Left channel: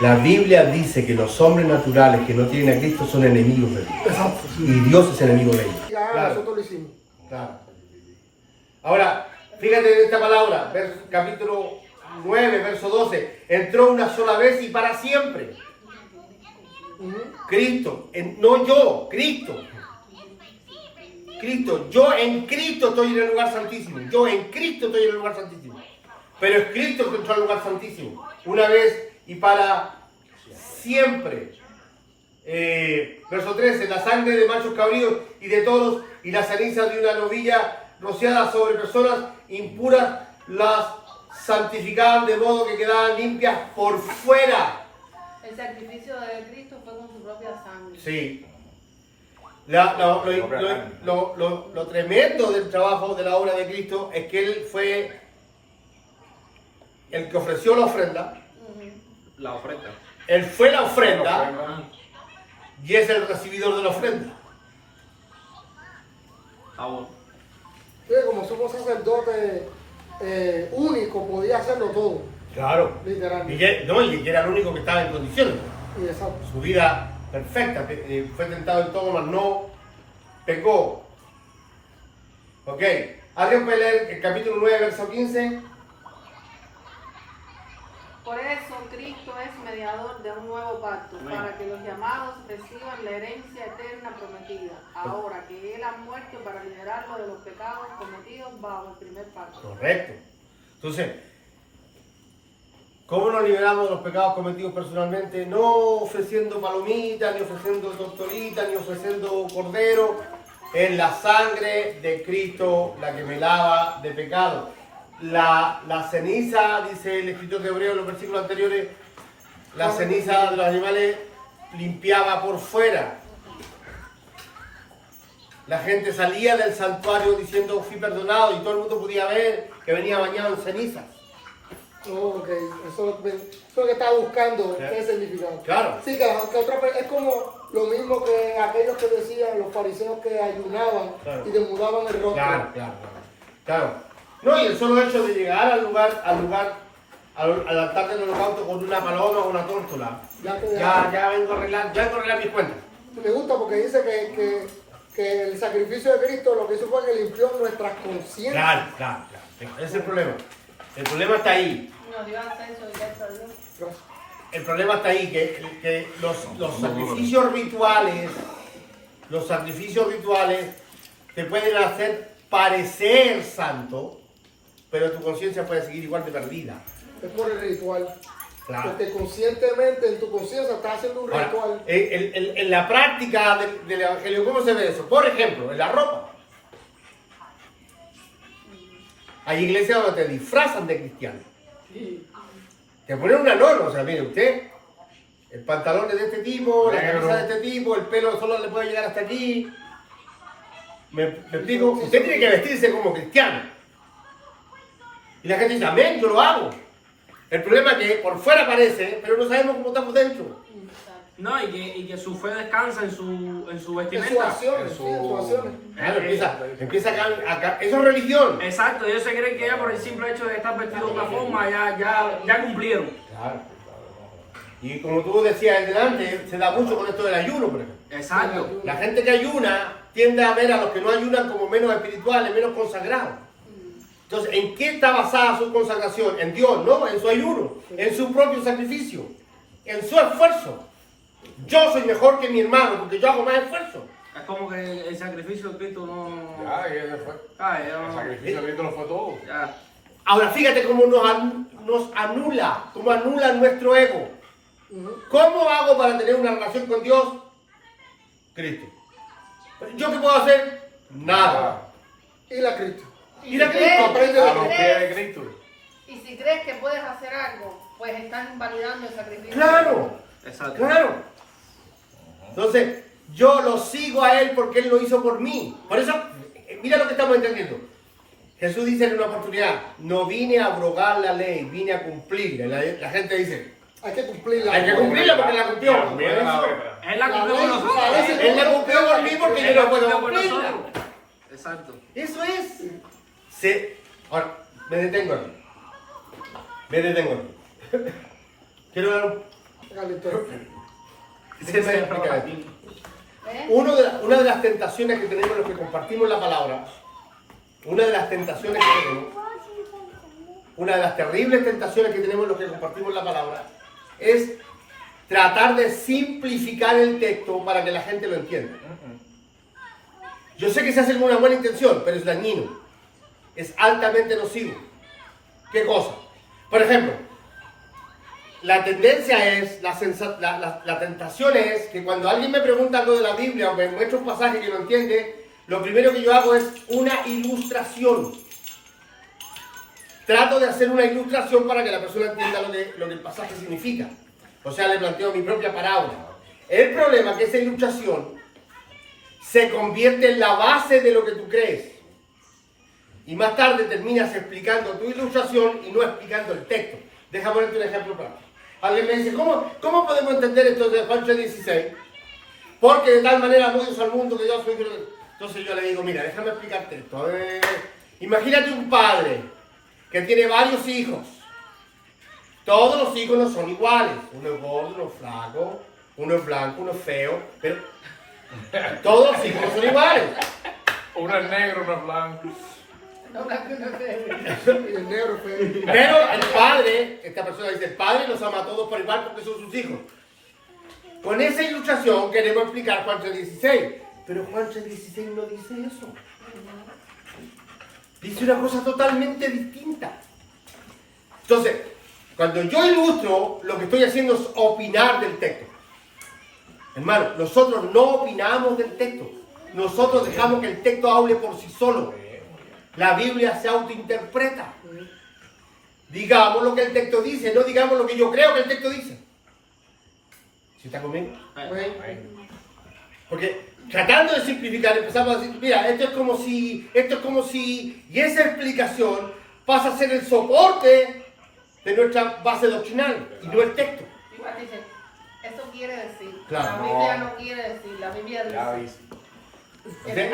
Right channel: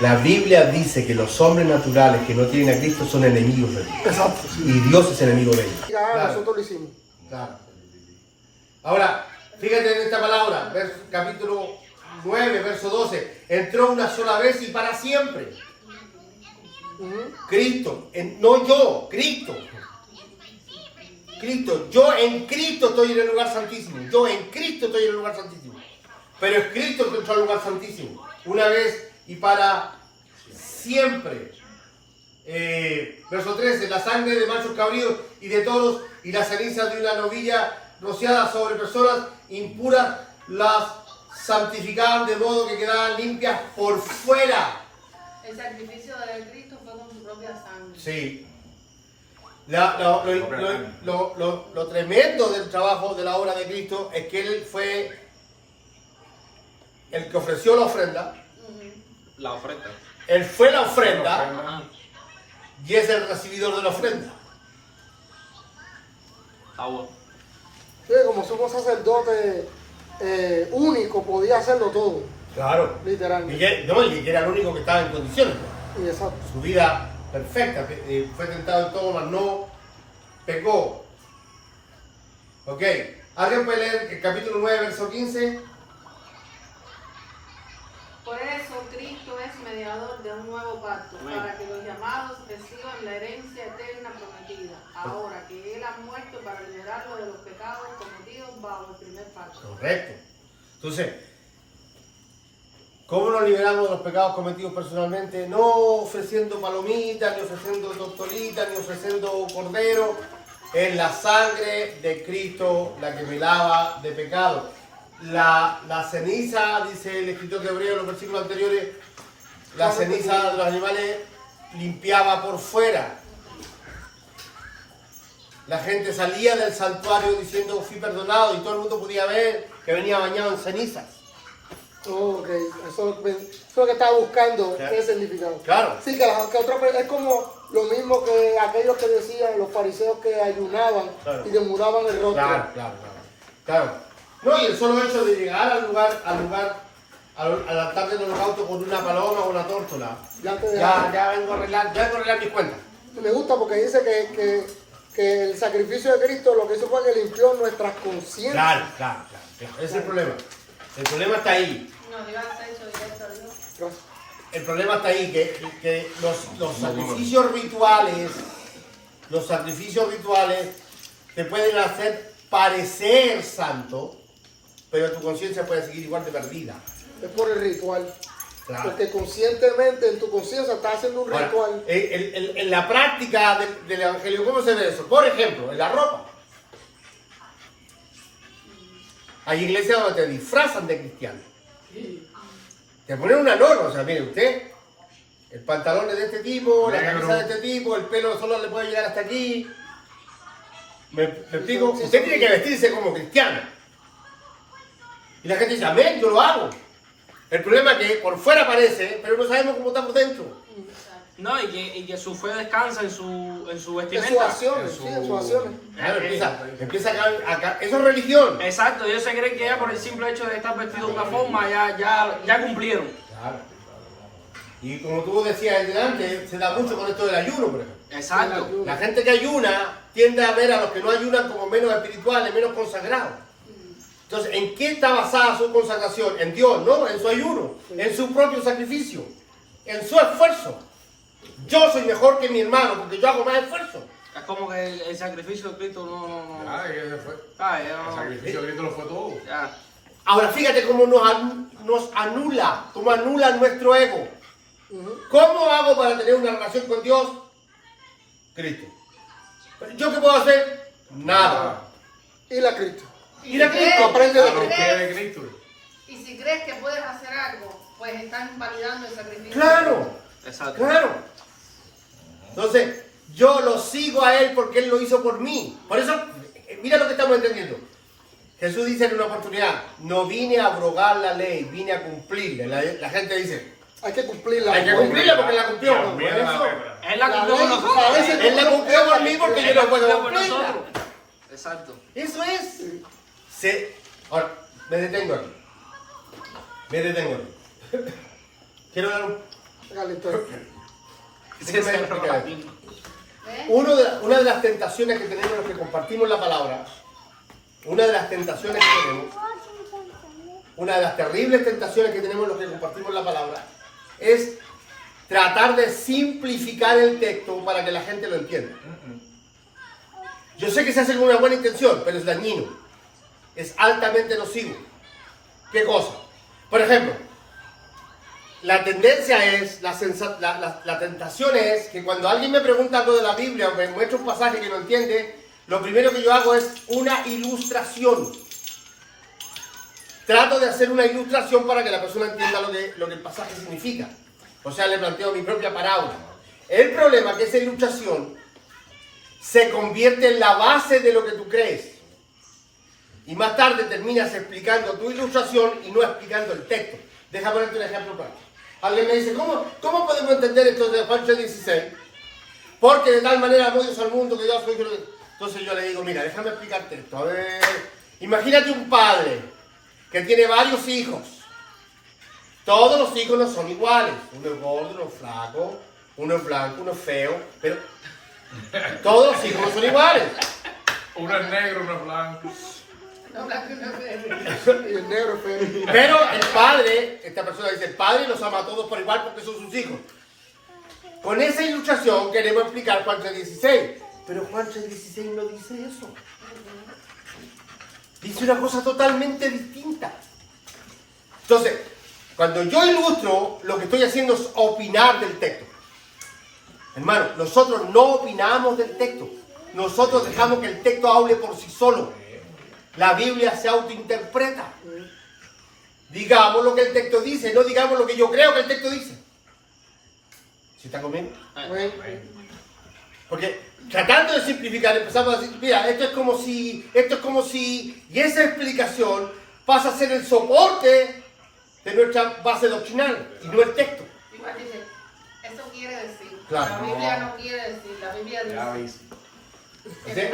La Biblia dice que los hombres naturales que no tienen a Cristo son enemigos de Dios. Exacto. Y Dios es enemigo de ellos. Ya nosotros lo hicimos. Claro. Ahora, fíjate en esta palabra, capítulo 9, verso 12. Entró una sola vez y para siempre. Cristo, no yo, Cristo. Cristo, yo en Cristo estoy en el lugar santísimo. Yo en Cristo estoy en el lugar santísimo. Pero es Cristo el que entró al lugar santísimo. Una vez y para siempre. Verso 13. La sangre de machos cabríos y de toros y las cenizas de una novilla rociada sobre personas impuras las santificaban de modo que quedaban limpias por fuera. El sacrificio de Cristo fue con su propia sangre. Sí. Lo tremendo del trabajo de la obra de Cristo es que Él fue el que ofreció la ofrenda. La ofrenda. Él fue la ofrenda Ajá. y es el recibidor de la ofrenda. Está bueno. Sí, como somos sacerdotes únicos, podía hacerlo todo, Claro. literalmente. Y era el único que estaba en condiciones. Y exacto. Su vida perfecta. Fue tentado en todo, mas no pecó. Ok. ¿Alguien puede leer el capítulo 9, verso 15? Por eso Cristo es mediador de un nuevo pacto, Amén. para que los llamados reciban la herencia eterna prometida, ahora que Él ha muerto para liberarlo de los pecados cometidos bajo el primer pacto. Correcto. Entonces, ¿cómo nos liberamos de los pecados cometidos personalmente? No ofreciendo palomitas, ni ofreciendo tortolitas, ni ofreciendo cordero. Es la sangre de Cristo la que me lava de pecado. La ceniza, dice el escritor de Hebreo en los versículos anteriores, la ceniza de los animales limpiaba por fuera. La gente salía del santuario diciendo fui perdonado y todo el mundo podía ver que venía bañado en cenizas. Ok, eso es lo que estaba buscando, Claro. ese significado. Claro. Sí, que otra es como lo mismo que aquellos que decían, los fariseos que ayunaban Claro. y demudaban el rostro. Claro. No, y el solo hecho de llegar al altar del holocausto con una paloma o una tórtola, ya vengo a arreglar mis cuentas. Me gusta porque dice que el sacrificio de Cristo lo que hizo fue que limpió nuestras conciencias. Claro. Ese es el problema. El problema está ahí. Nos dio acceso directo a Dios. Gracias. El problema está ahí, que los sacrificios rituales te pueden hacer parecer santo, pero tu conciencia puede seguir igual de perdida. Es por el ritual. Claro. Porque conscientemente en tu conciencia estás haciendo un Ahora, ritual. en la práctica del evangelio, ¿cómo se ve eso? Por ejemplo, en la ropa. Hay iglesias donde te disfrazan de cristiano. Te ponen una norma, o sea, mire usted, el pantalón es de este tipo, la camisa de este tipo, el pelo solo le puede llegar hasta aquí. ¿Me explico? Usted tiene que vestirse como cristiano. Y la gente dice, amén, yo lo hago. El problema es que por fuera parece, pero no sabemos cómo está por dentro. No, y que su fe descansa en su En sus vestimenta. acciones, sí, en sus acciones. Claro, empieza eso es religión. Exacto, ellos se creen que ya por el simple hecho de estar vestido de una forma ya cumplieron. Claro. Y como tú decías delante, se da mucho con esto del ayuno, por ejemplo. Exacto. La gente que ayuna tiende a ver a los que no ayunan como menos espirituales, menos consagrados. Entonces, ¿en qué está basada su consagración? En Dios, no, en su ayuno, en su propio sacrificio, en su esfuerzo. Yo soy mejor que mi hermano porque yo hago más esfuerzo. Es como que el sacrificio de Cristo no. Ya fue. Ya El no. sacrificio de Cristo lo fue todo. Ya. Ahora fíjate cómo nos anula, cómo anula nuestro ego. ¿Cómo hago para tener una relación con Dios? Cristo. ¿Yo qué puedo hacer? Nada. Y la Cristo. Ir a Cristo, aprende A de los Cristo. pies de Cristo. Y si crees que puedes hacer algo, pues están validando el sacrificio. Claro, Exacto. claro. Entonces, yo lo sigo a Él porque Él lo hizo por mí. Por eso, mira lo que estamos entendiendo. Jesús dice en una oportunidad, no vine a abrogar la ley, vine a cumplirla. La gente dice, Hay que cumplirla. hay que cumplirla porque la cumplió. No Bien, es eso. Él la cumplió con nosotros. Él la cumplió por mí porque yo no puedo por cumplirla. nosotros. Exacto. Eso es. Ahora, me detengo aquí. Quiero dar Déjenme explicar esto. ¿Eh? Una de las tentaciones que tenemos los que compartimos la palabra, una de las tentaciones que tenemos, una de las terribles tentaciones que tenemos los que compartimos la palabra, es tratar de simplificar el texto para que la gente lo entienda. Yo sé que se hace con una buena intención, pero es dañino. Es altamente nocivo. ¿Qué cosa? Por ejemplo, la tendencia es, la tentación es que cuando alguien me pregunta algo de la Biblia o me muestra un pasaje que no entiende, lo primero que yo hago es una ilustración. Trato de hacer una ilustración para que la persona entienda lo que el pasaje significa. O sea, le planteo mi propia parábola. El problema es que esa ilustración se convierte en la base de lo que tú crees. Y más tarde terminas explicando tu ilustración y no explicando el texto. Deja ponerte un ejemplo práctico. Alguien me dice, ¿cómo podemos entender esto de Juan 3:16? Porque de tal manera amó Dios al mundo que yo soy... Entonces yo le digo, mira, déjame explicarte esto. A ver, imagínate un padre que tiene varios hijos. Todos los hijos no son iguales. Uno es gordo, uno es flaco, uno es blanco, uno es feo. Pero todos los hijos no son iguales. Uno es negro, uno es blanco. Y el negro es feo. Pero el padre, esta persona dice, el padre los ama a todos por igual porque son sus hijos. Con esa ilustración queremos explicar Juan 3:16. Pero Juan 3:16 no dice eso. Dice una cosa totalmente distinta. Entonces, cuando yo ilustro, lo que estoy haciendo es opinar del texto. Hermano, nosotros no opinamos del texto. Nosotros dejamos que el texto hable por sí solo. La Biblia se autointerpreta. Digamos lo que el texto dice, no digamos lo que yo creo que el texto dice. ¿Sí está conmigo? Porque tratando de simplificar, empezamos a decir, mira, esto es como si, y esa explicación pasa a ser el soporte de nuestra base doctrinal y no el texto. Igual dice, eso quiere decir. Claro. La Biblia no quiere decir, la Biblia Ya dice. ves. Entonces,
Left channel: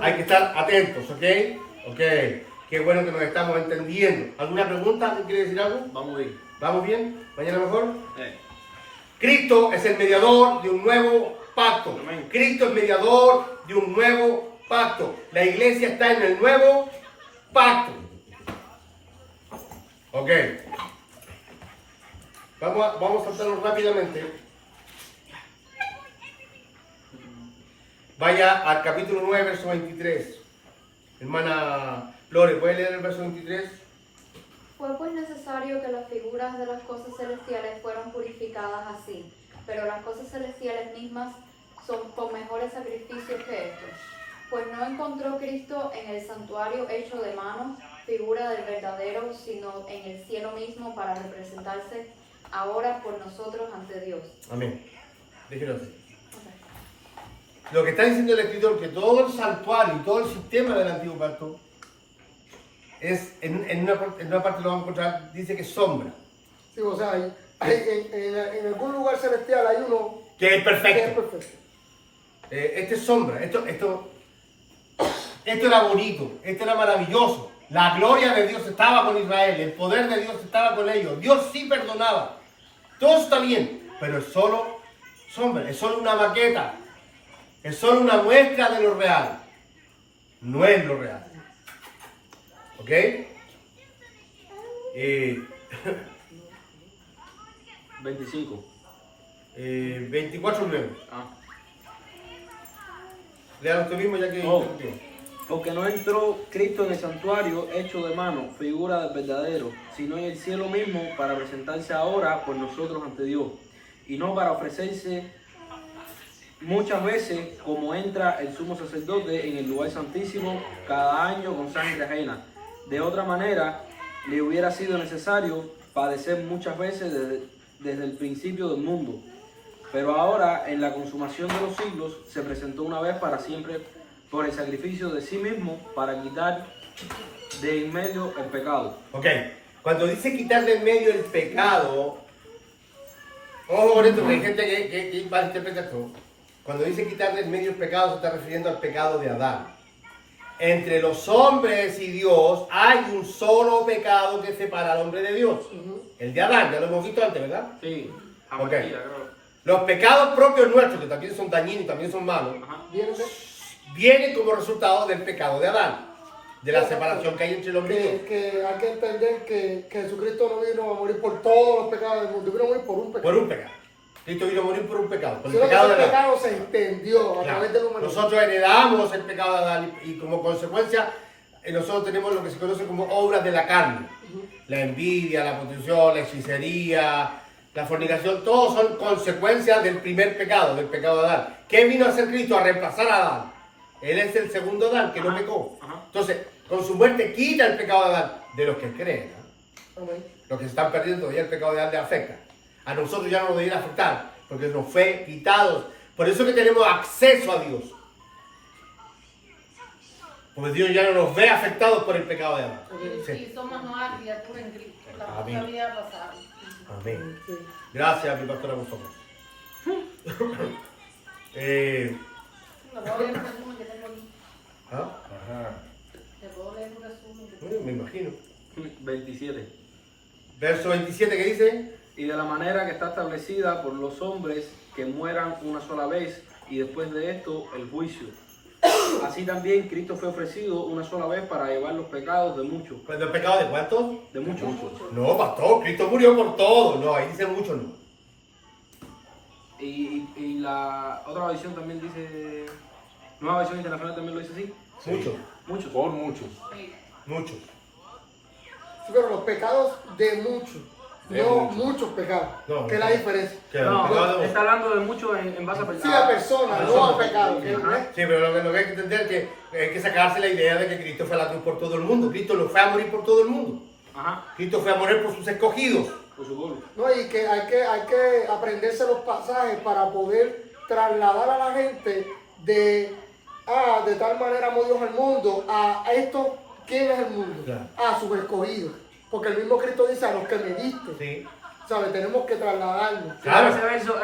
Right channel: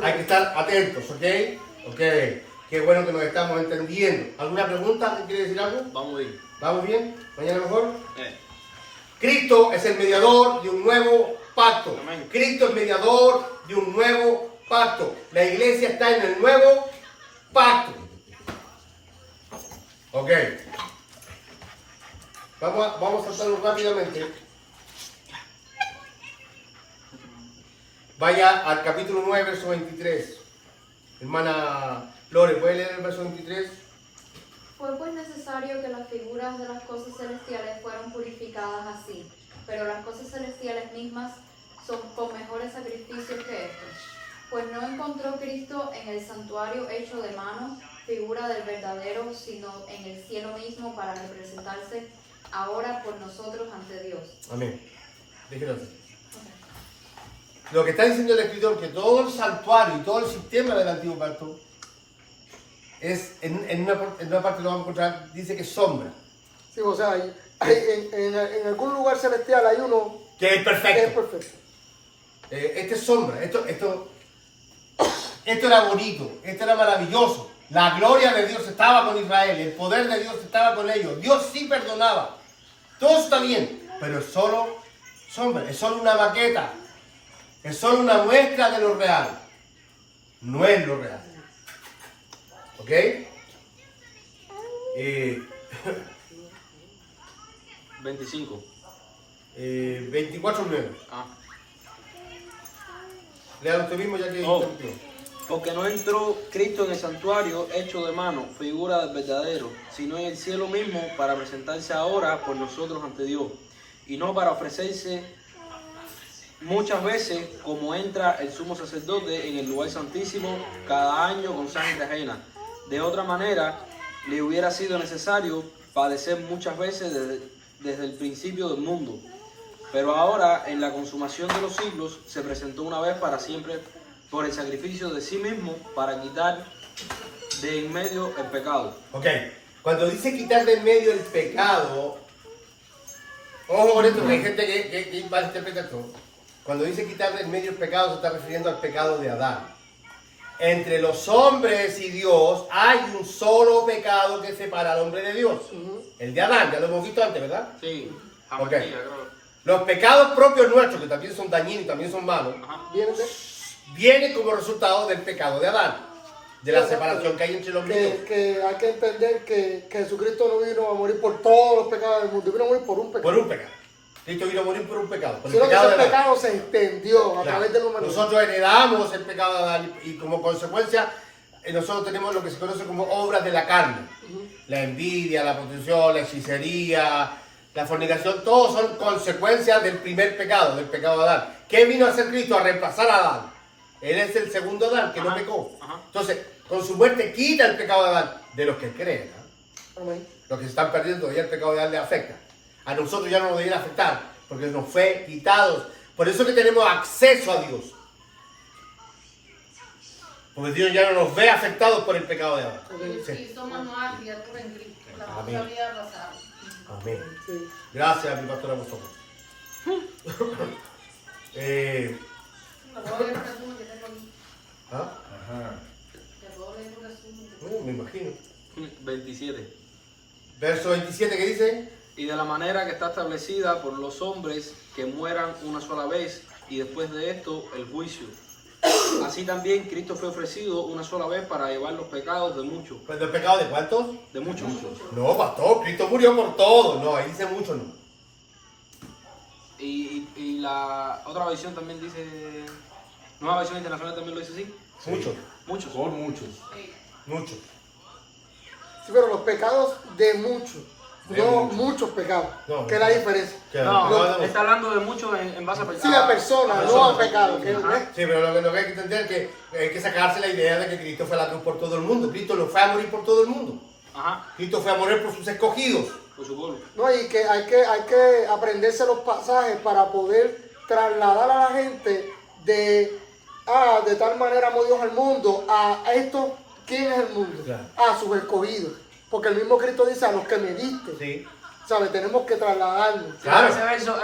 hay que estar atentos, ¿ok? Ok, qué bueno que nos estamos entendiendo. ¿Alguna pregunta? ¿Alguien quiere decir algo? Vamos bien. ¿Vamos bien? ¿Mañana mejor? Cristo es el mediador de un nuevo pacto. Amén. Cristo es mediador de un nuevo pacto. La iglesia está en el nuevo pacto. Ok. Vamos a saltarlo rápidamente. Vaya al capítulo 9, verso 23. Hermana Lore, ¿puede leer el verso 23? Fue pues necesario que las figuras de las cosas celestiales fueran purificadas así, pero las cosas celestiales mismas son con mejores sacrificios que estos. Pues no encontró Cristo en el santuario hecho de manos, figura del verdadero, sino en el cielo mismo para representarse ahora por nosotros ante Dios. Amén. Déjelo así. Lo que está diciendo el escritor, que todo el santuario y todo el sistema del antiguo pacto es, en una parte lo vamos a encontrar, dice que es sombra. Sí, o sea, en algún lugar celestial hay uno Que es que es perfecto. perfecto. Este es sombra. Esto era bonito, esto era maravilloso. La gloria de Dios estaba con Israel, el poder de Dios estaba con ellos. Dios sí perdonaba. Todo está bien, pero es solo sombra, es solo una maqueta. Es solo una muestra de lo real. No es lo real. ¿Ok? 25. 24:9. Ah. Lean usted mismo ya que Oh. interrumpió. Porque no entró Cristo en el santuario hecho de mano, figura del verdadero, sino en el cielo mismo para presentarse ahora por nosotros ante Dios, y no para ofrecerse muchas veces como entra el sumo sacerdote en el lugar santísimo cada año con sangre ajena. De otra manera, le hubiera sido necesario padecer muchas veces desde el principio del mundo. Pero ahora, en la consumación de los siglos, se presentó una vez para siempre por el sacrificio de sí mismo para quitar de en medio el pecado. Ok. Cuando dice quitar de en medio el pecado, ojo con esto, que hay gente que malinterpreta esto. Cuando dice quitar de en medio el pecado, se está refiriendo al pecado de Adán. Entre los hombres y Dios hay un solo pecado que separa al hombre de Dios. el de Adán, ya lo hemos visto antes, ¿verdad? Sí, Ok. creo. Los pecados propios nuestros, que también son dañinos y también son malos, Ajá. vienen como resultado del pecado de Adán, de la separación que hay entre el hombre y Dios. Que hay que entender que Jesucristo no vino a morir por todos los pecados del mundo, vino a morir por un pecado. Por un pecado. Cristo vino a morir por un pecado, por el Sino que pecado de ese Adán. pecado se extendió a Claro. través de la humanidad. Nosotros heredamos el pecado de Adán y como consecuencia nosotros tenemos lo que se conoce como obras de la carne. La envidia, la protección, la hechicería, la fornicación, todos son consecuencias del primer pecado, del pecado de Adán. ¿Qué vino a hacer Cristo? A reemplazar a Adán. Él es el segundo Adán que no Ajá, pecó. ajá. Entonces, con su muerte quita el pecado de Adán de los que creen. ¿No? Amén. Los que se están perdiendo todavía el pecado de Adán les afecta. A nosotros ya no nos debería afectar porque nos fue quitado. Por eso que tenemos acceso a Dios. Porque Dios ya no nos ve afectados por el pecado de Adán. Sí. Y somos nuevas criaturas en Cristo. La Amén. vida pasada. Amén. Sí. Gracias, mi pastora Gustavo. Lo puedo leer un resumen que tengo aquí. ¿Ah? Ajá. Lo puedo leer un resumen. Bueno, me imagino. 27. Verso 27 que dice, Y de la manera que está establecida por los hombres que mueran una sola vez y después de esto el juicio. Así también Cristo fue ofrecido una sola vez para llevar los pecados de muchos. ¿pues el pecado de cuántos? De muchos. No, pastor, Cristo murió por todo. No, ahí dice mucho no. Y la otra versión también dice, nueva versión internacional también lo dice así. Muchos, Muchos. Por muchos. muchos. Sí, pero los pecados de muchos, De no muchos. muchos pecados. No, que es la diferencia. Que el pecado No, de- está hablando de muchos en base a Sí, pecados. a personas, no a pecados. que- Ajá. Sí, pero lo que hay que entender es que hay que sacarse la idea de que Cristo fue a la cruz por todo el mundo. Cristo no fue a morir por todo el mundo. Ajá, Cristo fue a morir por sus escogidos. por su pueblo. No, y que hay que aprenderse los pasajes para poder trasladar a la gente de tal manera amó Dios al mundo, a esto, ¿quién es el mundo? Claro. A sus escogidos. Porque el mismo Cristo dice a los que me diste. Sí. ¿Sabes? Tenemos que trasladarnos. Claro.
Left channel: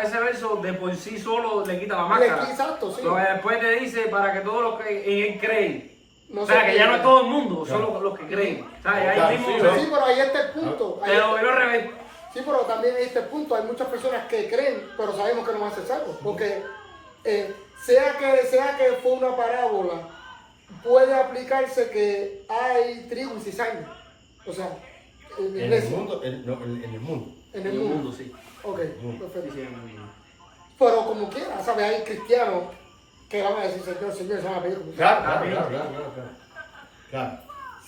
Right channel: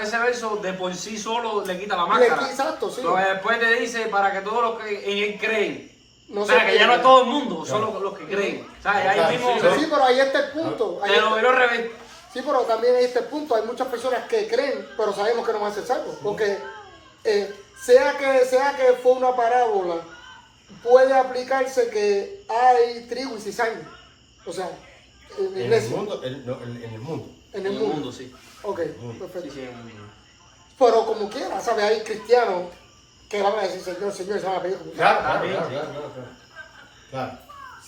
Ese verso de por sí solo le quita la máscara. Exacto, sí. Pero después te dice para que todos los que en él creen. No O sea, se que ya no es pierdan. todo el mundo, Claro. solo los que creen. O sea, ahí Claro, mismo sí, Sí, pero ahí está el punto. Ahí- te lo veo al revés. Sí, pero también ahí está el punto. Hay muchas personas que creen, pero sabemos que no van a ser salvos. Porque sea que fue una parábola, puede aplicarse que hay trigo y cizaña. O sea, En el mundo, en el mundo. En En el mundo, sí. Ok, mundo. Sí, perfecto. sí, en el mundo. Pero como quiera, ¿sabes? Hay cristianos que van a decir, Señor, Señor, se van a pedir como Claro, claro, Amén. claro. Claro.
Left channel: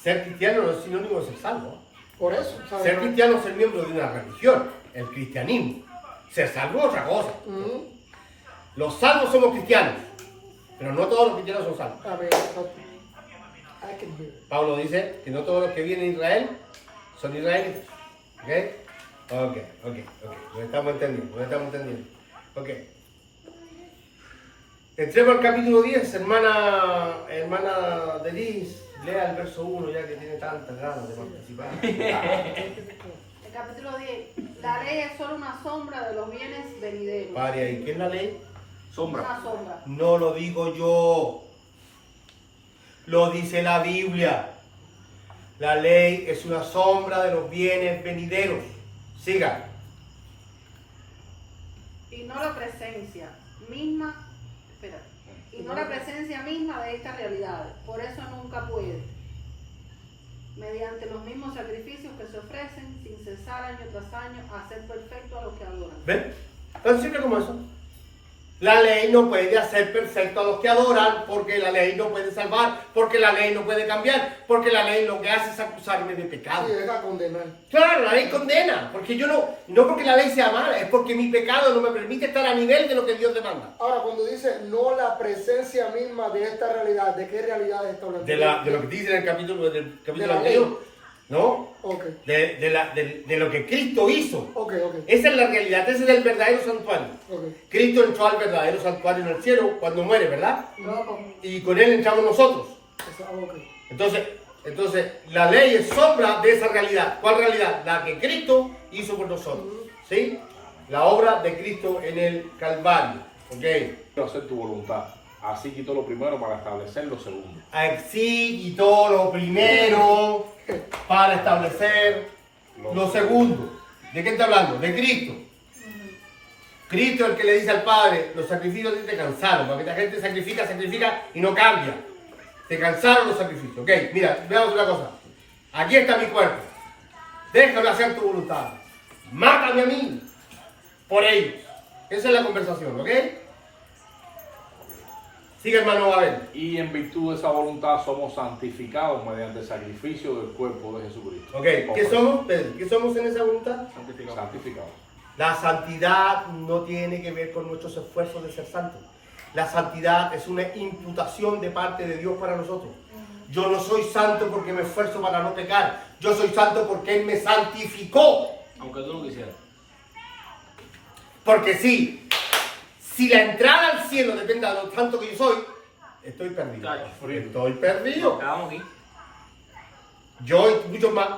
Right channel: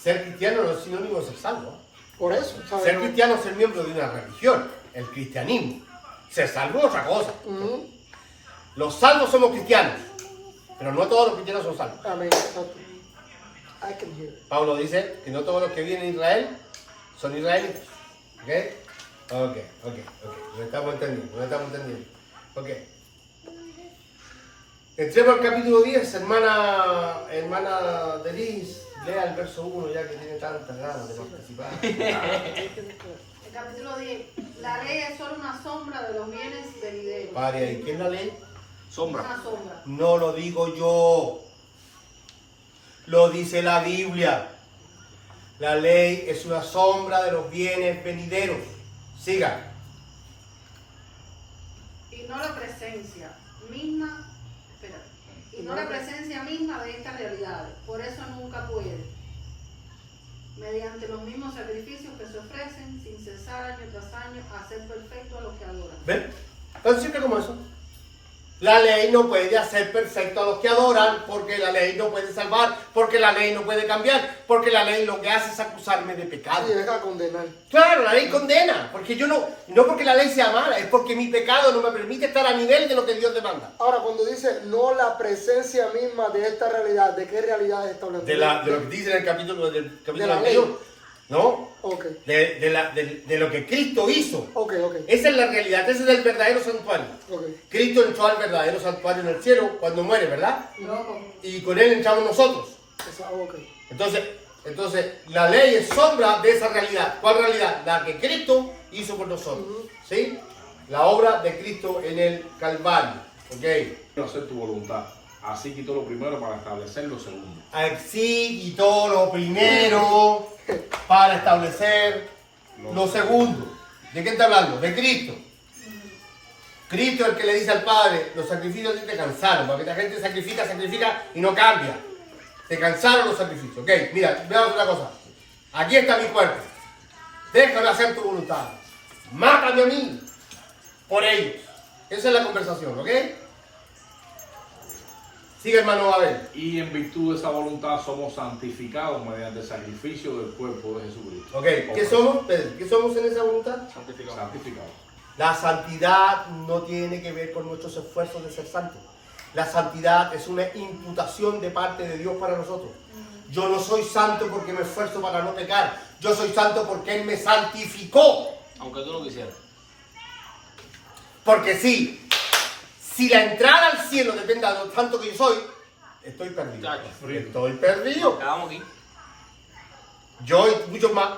Ser cristiano no es sinónimo de ser salvo. Por eso, ¿sabes? Ser cristiano es ser miembro de una religión, el cristianismo. Ser salvo es otra cosa. Ujú. Los salvos somos cristianos, pero no todos los cristianos son salvos. Amén. Exacto. I can hear. Pablo dice que no todos los que vienen a Israel son israelitas. ¿Ok? Ok. Nos estamos entendiendo. Ok. Entremos al capítulo 10, hermana Denise. Lea el verso 1 ya que tiene tantas ganas de participar. El capítulo 10. La ley es solo una sombra de los bienes venideros. Pare ahí. ¿Qué es la ley? Sombra. Una sombra. No lo digo yo. Lo dice la Biblia. La ley es una sombra de los bienes venideros. Siga. Y no la presencia misma. Espera. Y no la presencia misma de estas realidades. Por eso nunca puede. Mediante los mismos sacrificios que se ofrecen sin cesar año tras año, hacer perfecto a los que adoran. ¿Ven? Tan simple como eso. La ley no puede hacer perfecto a los que adoran, porque la ley no puede salvar, porque la ley no puede cambiar, porque la ley lo que hace es acusarme de pecado. Y deja a condenar. Claro, la ley condena, porque yo no porque la ley sea mala, es porque mi pecado no me permite estar a nivel de lo que Dios demanda. Ahora, cuando dice no la presencia misma de esta realidad, ¿de qué realidad está hablando? De lo que dice en el capítulo De la anterior, ¿no? Ok, De lo que Cristo hizo. ok. Esa es la realidad, ese es el verdadero santuario. Ok. Cristo entró al verdadero santuario en el cielo cuando muere, ¿verdad? Loco. Y con él entramos nosotros. Ok. Entonces, la ley es sombra de esa realidad. ¿Cuál realidad? La que Cristo hizo por nosotros. ¿Sí? La obra de Cristo en el Calvario. ¿Ok? Quiero hacer tu voluntad. Así quitó lo primero para establecer lo segundo. Así quitó lo primero para establecer lo segundo. ¿De qué está hablando? De Cristo. Cristo es el que le dice al Padre, los sacrificios te cansaron, porque la gente sacrifica y no cambia. Te cansaron los sacrificios. Ok, mira, veamos una cosa. Aquí está mi cuerpo. Déjame hacer tu voluntad. Mátame a mí por ellos. Esa es la conversación, ¿ok? Sigue, hermano Abel. Y en virtud de esa voluntad somos santificados mediante el sacrificio del cuerpo de Jesucristo. Ok, ¿qué somos, Pedro? ¿Qué somos en esa voluntad? Santificados. La santidad no tiene que ver con nuestros esfuerzos de ser santos. La santidad es una imputación de parte de Dios para nosotros. Yo no soy santo porque me esfuerzo para no pecar. Yo soy santo porque Él me santificó. Aunque tú no quisieras. Porque si la entrada al cielo depende de lo tanto que yo soy, estoy perdido. Estoy perdido. Acabamos aquí. Yo y muchos más,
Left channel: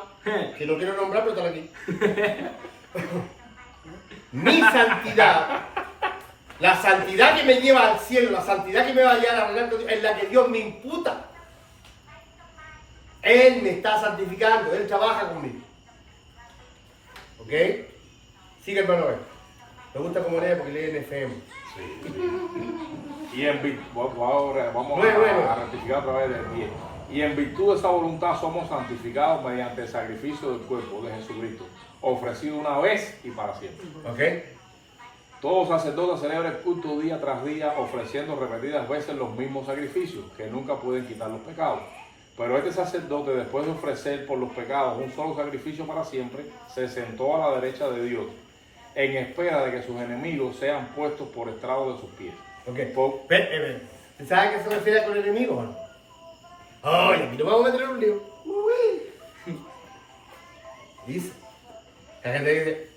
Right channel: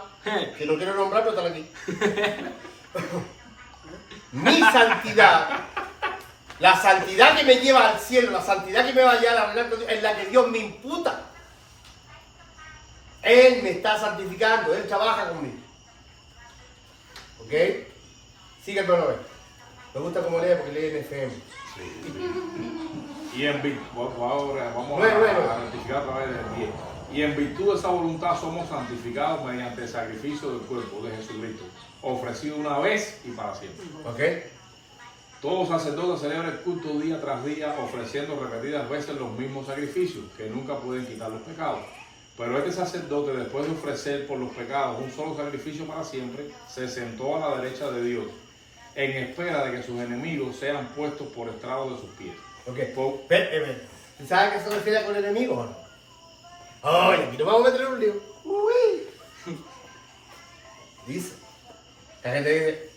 que no quiero nombrar, pero están aquí. Mi santidad, la santidad que me lleva al cielo, la santidad que me va a llevar a reinar con Dios, es la que Dios me imputa. Él me está santificando, Él trabaja conmigo. ¿Ok? Sigue, hermano. Me gusta cómo lee porque lee en FM. Y en virtud, ahora vamos Bueno. a ratificar otra vez el 10. Y en virtud de esa voluntad somos santificados mediante el sacrificio del cuerpo de Jesucristo, ofrecido una vez y para siempre. ¿Ok? Todo sacerdote celebra el culto día tras día, ofreciendo repetidas veces los mismos sacrificios, que nunca pueden quitar los pecados. Pero este sacerdote, después de ofrecer por los pecados un solo sacrificio para siempre, se sentó a la derecha de Dios, en espera de que sus enemigos sean puestos por estrado de sus pies. Ok. ¿Sabes a qué se refiere con enemigos? Ay, aquí nos vamos a meter en un lío. Dice. La gente dice,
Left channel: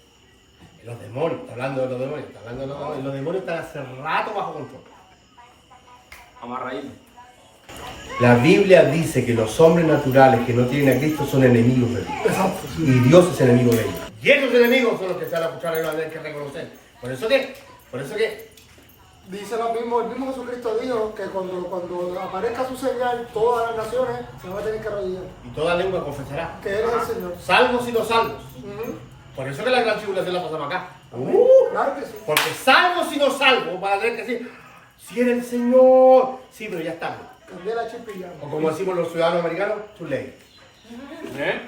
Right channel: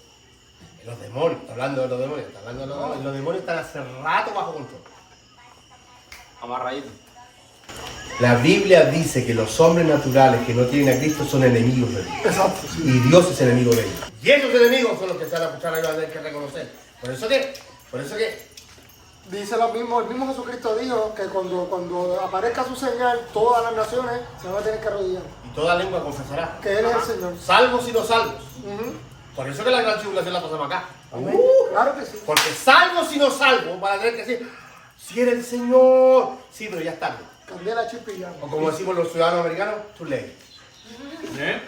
los demonios, está hablando de los demonios, y los demonios están hace rato bajo control. Amarradito. La Biblia dice que los hombres naturales que no tienen a Cristo son enemigos de Dios. Exacto. Y Dios es enemigo de ellos. Y esos enemigos son los que se van a escuchar y van a tener que reconocer. Por eso que, Dice lo mismo, el mismo Jesucristo dijo que cuando aparezca su señal, todas las naciones se van a tener que arrodillar. y toda lengua confesará. Que Él es el Señor. Salvos y no salvos. Ujú. Por eso que la gran tribulación la pasamos acá. Claro que sí. Porque salvos y no salvos van a tener que decir, si eres el Señor. Sí, pero ya es tarde. Cambié la chip y ya. O como decimos los ciudadanos americanos, tu ley. ¿Eh?